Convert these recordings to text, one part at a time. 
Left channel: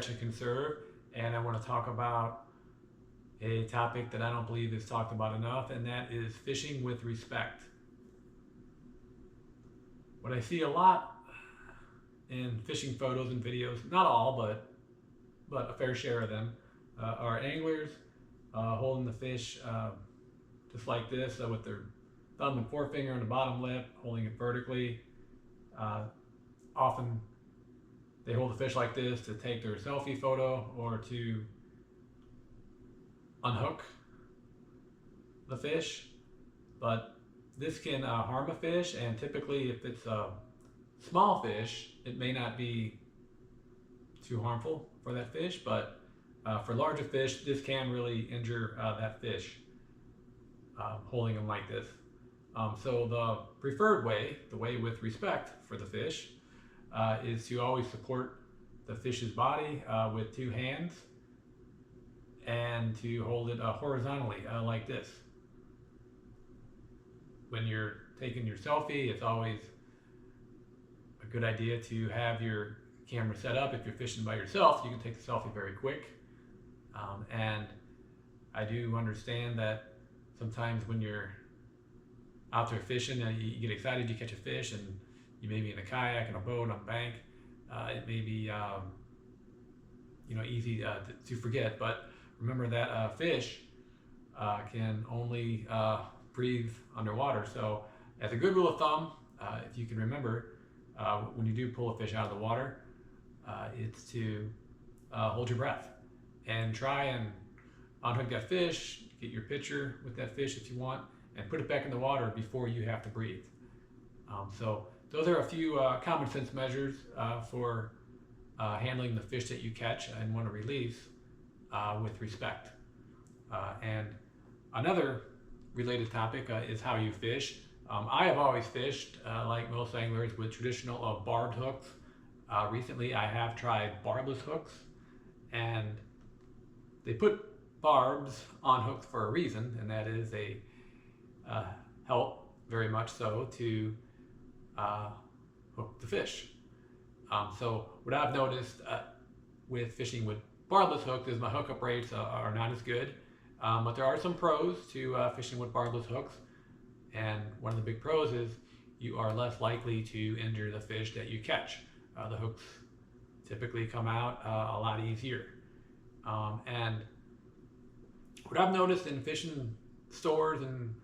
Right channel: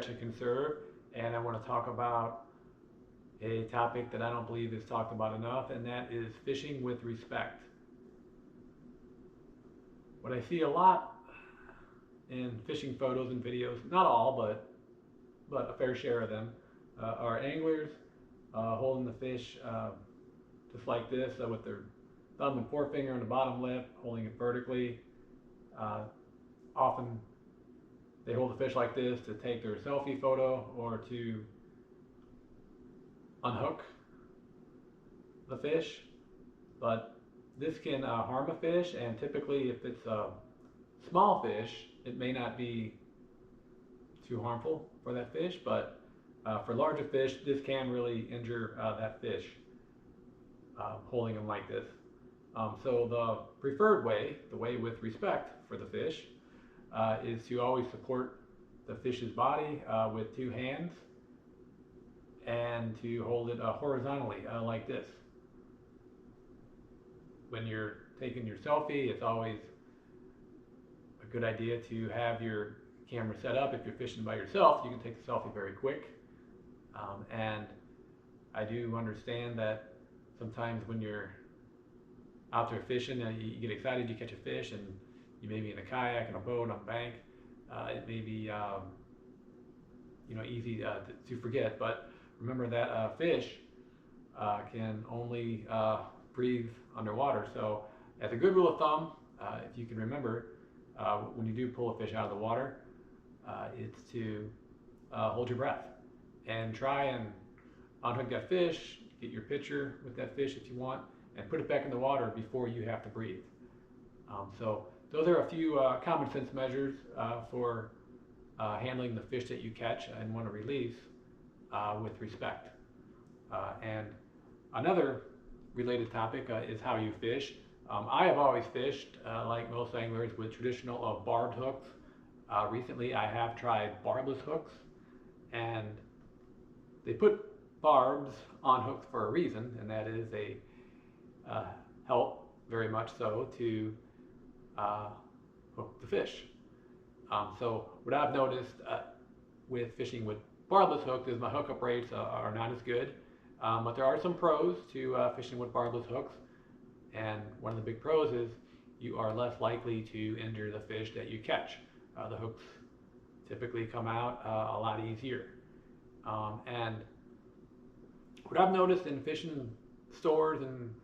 Catch and Conserve, and I want to talk about a topic that I don't believe is talked about enough, and that is fishing with respect. What I see a lot in fishing photos and videos, not all, but a fair share of them, are anglers holding the fish just like this with their thumb and forefinger on the bottom lip, holding it vertically. Often they hold the fish like this to take their selfie photo or to unhook the fish, but this can harm a fish, and typically if it's a small fish it may not be too harmful for that fish, but for larger fish this can really injure that fish, holding them like this. So the preferred way, the way with respect for the fish, is to always support the fish's body with two hands and to hold it horizontally like this. When you're taking your selfie, it's always a good idea to have your camera set up. If you're fishing by yourself, you can take the selfie very quick. And I do understand that sometimes when you're out there fishing, you get excited, you catch a fish, and you may be in a kayak, in a boat, on a bank. It may be easy to forget, but remember that fish can only breathe underwater. So as a good rule of thumb, if you can remember, when you do pull a fish out of the water, it's to hold your breath and try and unhook that fish, get your picture with that fish if you want, and put it back in the water before you have to breathe. So those are a few common sense measures for handling the fish that you catch and want to release with respect. And another related topic is how you fish. I have always fished, like most anglers, with traditional barbed hooks. Recently I have tried barbless hooks, and they put barbs on hooks for a reason, and that is they help very much so to hook the fish. So what I've noticed with fishing with barbless hooks is my hookup rates are not as good, but there are some pros to fishing with barbless hooks, and one of the big pros is you are less likely to injure the fish that you catch. The hooks typically come out a lot easier. And what I've noticed in fishing stores and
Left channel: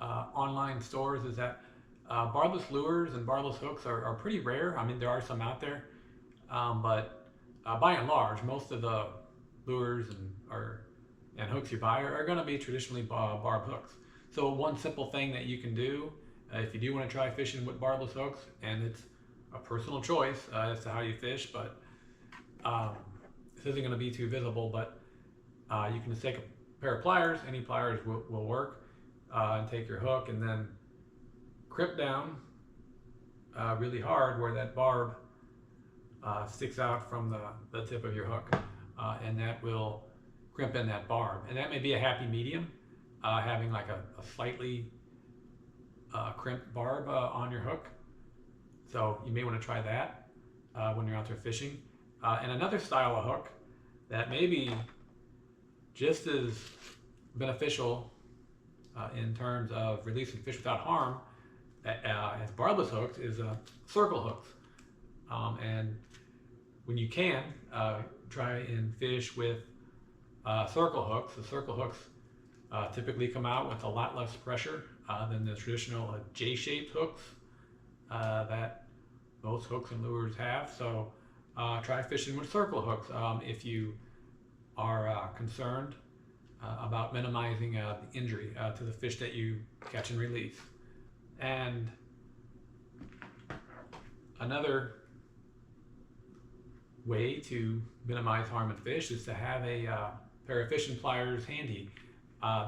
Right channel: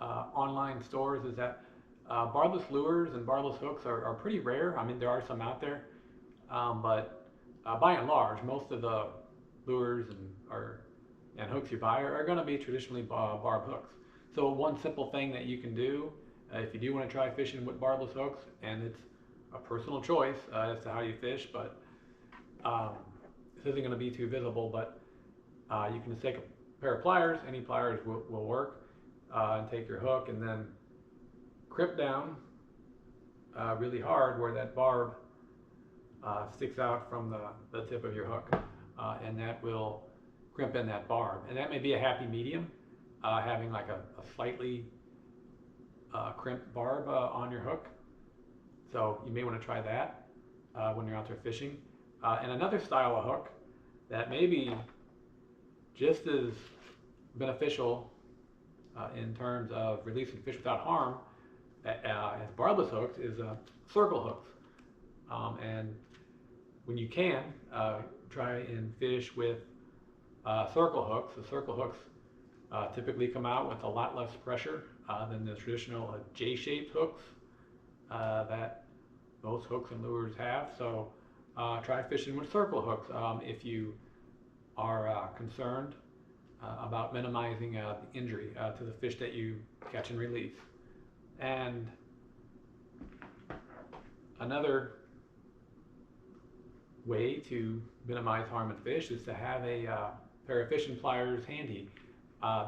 online stores is that barbless lures and barbless hooks are pretty rare. I mean, there are some out there, but by and large, most of the lures and hooks you buy are going to be traditionally barbed hooks. So one simple thing that you can do if you do want to try fishing with barbless hooks, and it's a personal choice as to how you fish, but this isn't going to be too visible, but you can just take a pair of pliers, any pliers will work, and take your hook and then crimp down really hard where that barb sticks out from the tip of your hook, and that will crimp in that barb. And that may be a happy medium, having like a slightly crimped barb on your hook. So you may want to try that when you're out there fishing. And another style of hook that may be just as beneficial in terms of releasing fish without harm as barbless hooks is circle hooks. And when you can, try and fish with circle hooks. The circle hooks typically come out with a lot less pressure than the traditional J-shaped hooks that most hooks and lures have. So try fishing with circle hooks if you are concerned about minimizing the injury to the fish that you catch and release. And another way to minimize harm in fish is to have a pair of fishing pliers handy.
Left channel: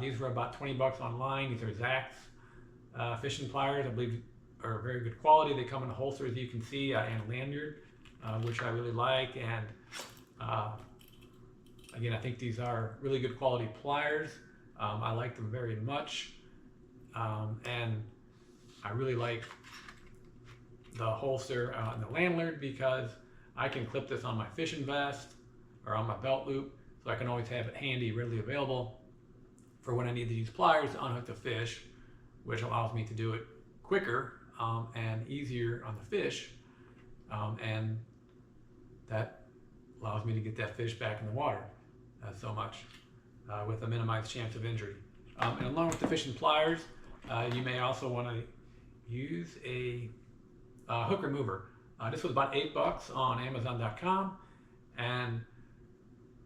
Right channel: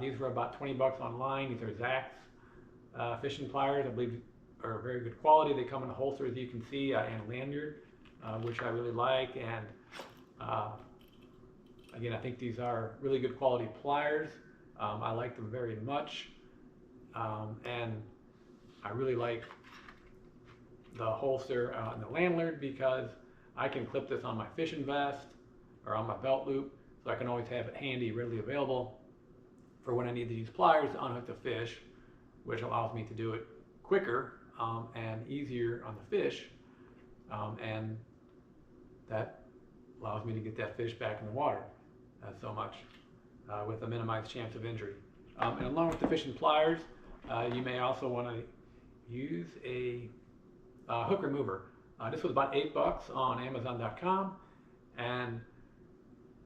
These were about 20 bucks online. These are Zach's fishing pliers. I believe are very good quality. They come in a holster, as you can see, and lanyard, which I really like. And again, I think these are really good quality pliers. I like them very much, and I really like the holster and the lanyard because I can clip this on my fishing vest or on my belt loop, so I can always have it handy, readily available for when I need to use pliers to unhook the fish, which allows me to do it quicker and easier on the fish, and that allows me to get that fish back in the water so much with a minimized chance of injury. And along with the fishing pliers, you may also want to use a hook remover. This was about $8 on Amazon.com, and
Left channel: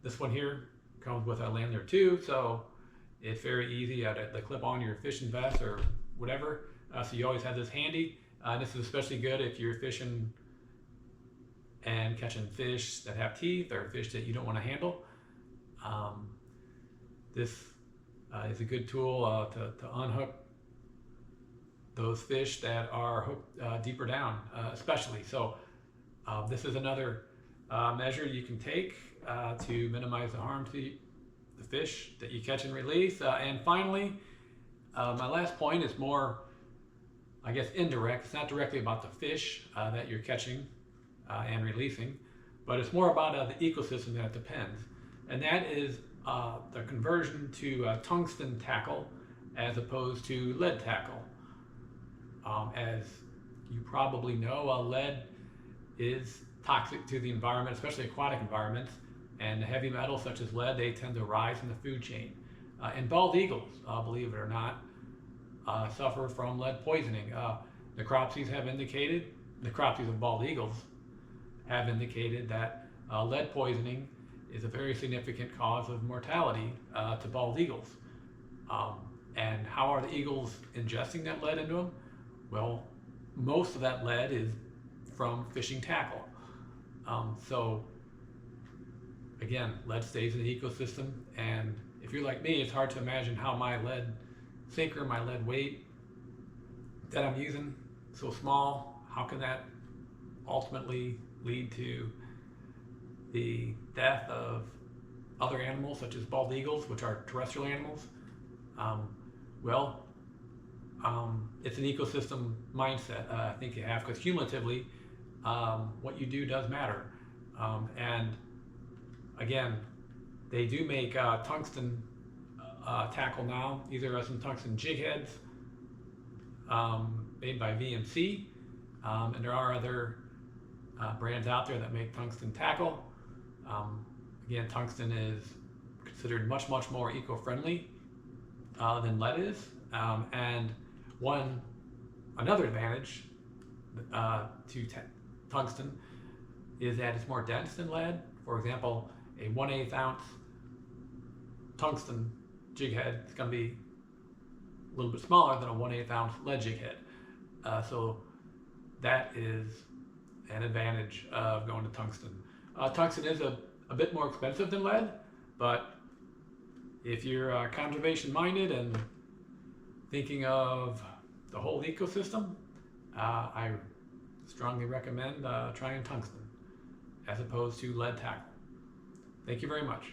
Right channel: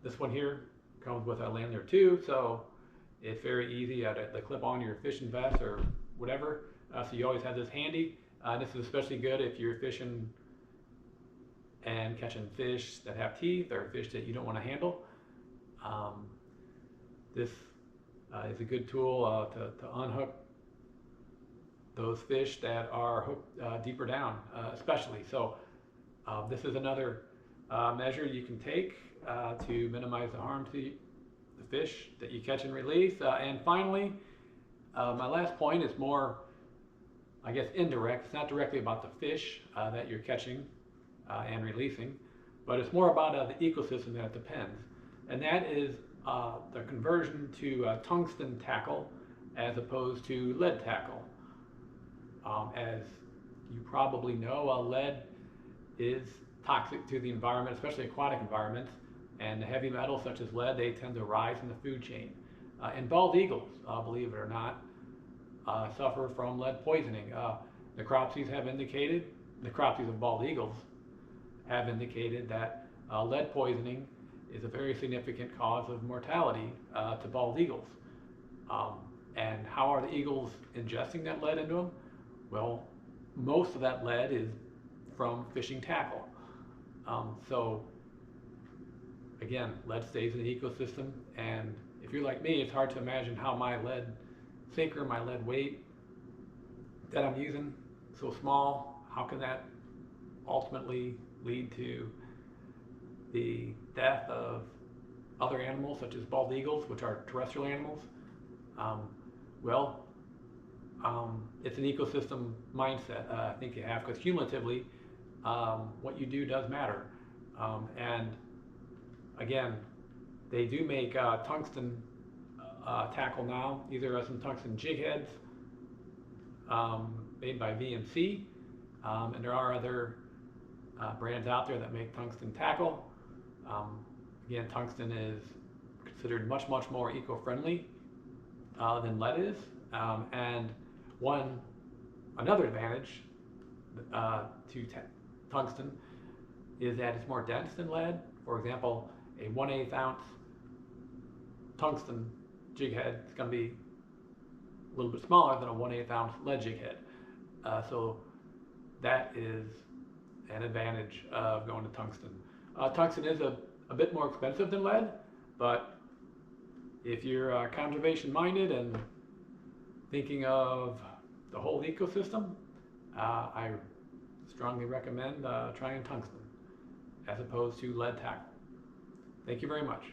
this one here comes with a lanyard too, so it's very easy to clip on your fishing vest or whatever. So you always have this handy. This is especially good if you're fishing and catching fish that have teeth or fish that you don't want to handle. This is a good tool to unhook those fish that are hooked deeper down, especially. So this is another measure you can take to minimize the harm to the fish that you catch and release. And finally, my last point is more, I guess, indirect. It's not directly about the fish that you're catching and releasing, but it's more about the ecosystem that it depends. And that is the conversion to tungsten tackle as opposed to lead tackle. As you probably know, lead is toxic to the environment, especially aquatic environments, and the heavy metals such as lead, they tend to rise in the food chain. And bald eagles, believe it or not, suffer from lead poisoning. Necropsies have indicated, necropsies of bald eagles have indicated that lead poisoning is a very significant cause of mortality to bald eagles. And how are the eagles ingesting that lead into them? Well, most of that lead is from fishing tackle. So again, lead stays in the ecosystem, and if you're like me, it's hard to imagine how my lead sinker, my lead weight that I'm using, so small, how can that ultimately lead to the death of other animals such as bald eagles, which are terrestrial animals? It's an ecosystem mindset I think you have, because cumulatively what you do does matter. And again, they do make tungsten tackle now. These are some tungsten jig heads made by VMC, and there are other brands out there that make tungsten tackle. Again, tungsten is considered much more eco-friendly than lead is, and another advantage to tungsten is that it's more dense than lead. For example, a 1/8 ounce tungsten jig head is going to be a little bit smaller than a 1/8 ounce lead jig head. So that is an advantage of going to tungsten. Tungsten is a bit more expensive than lead, but if you're conservation minded and thinking of the whole ecosystem, I strongly recommend trying tungsten as opposed to lead tackle. Thank you very much.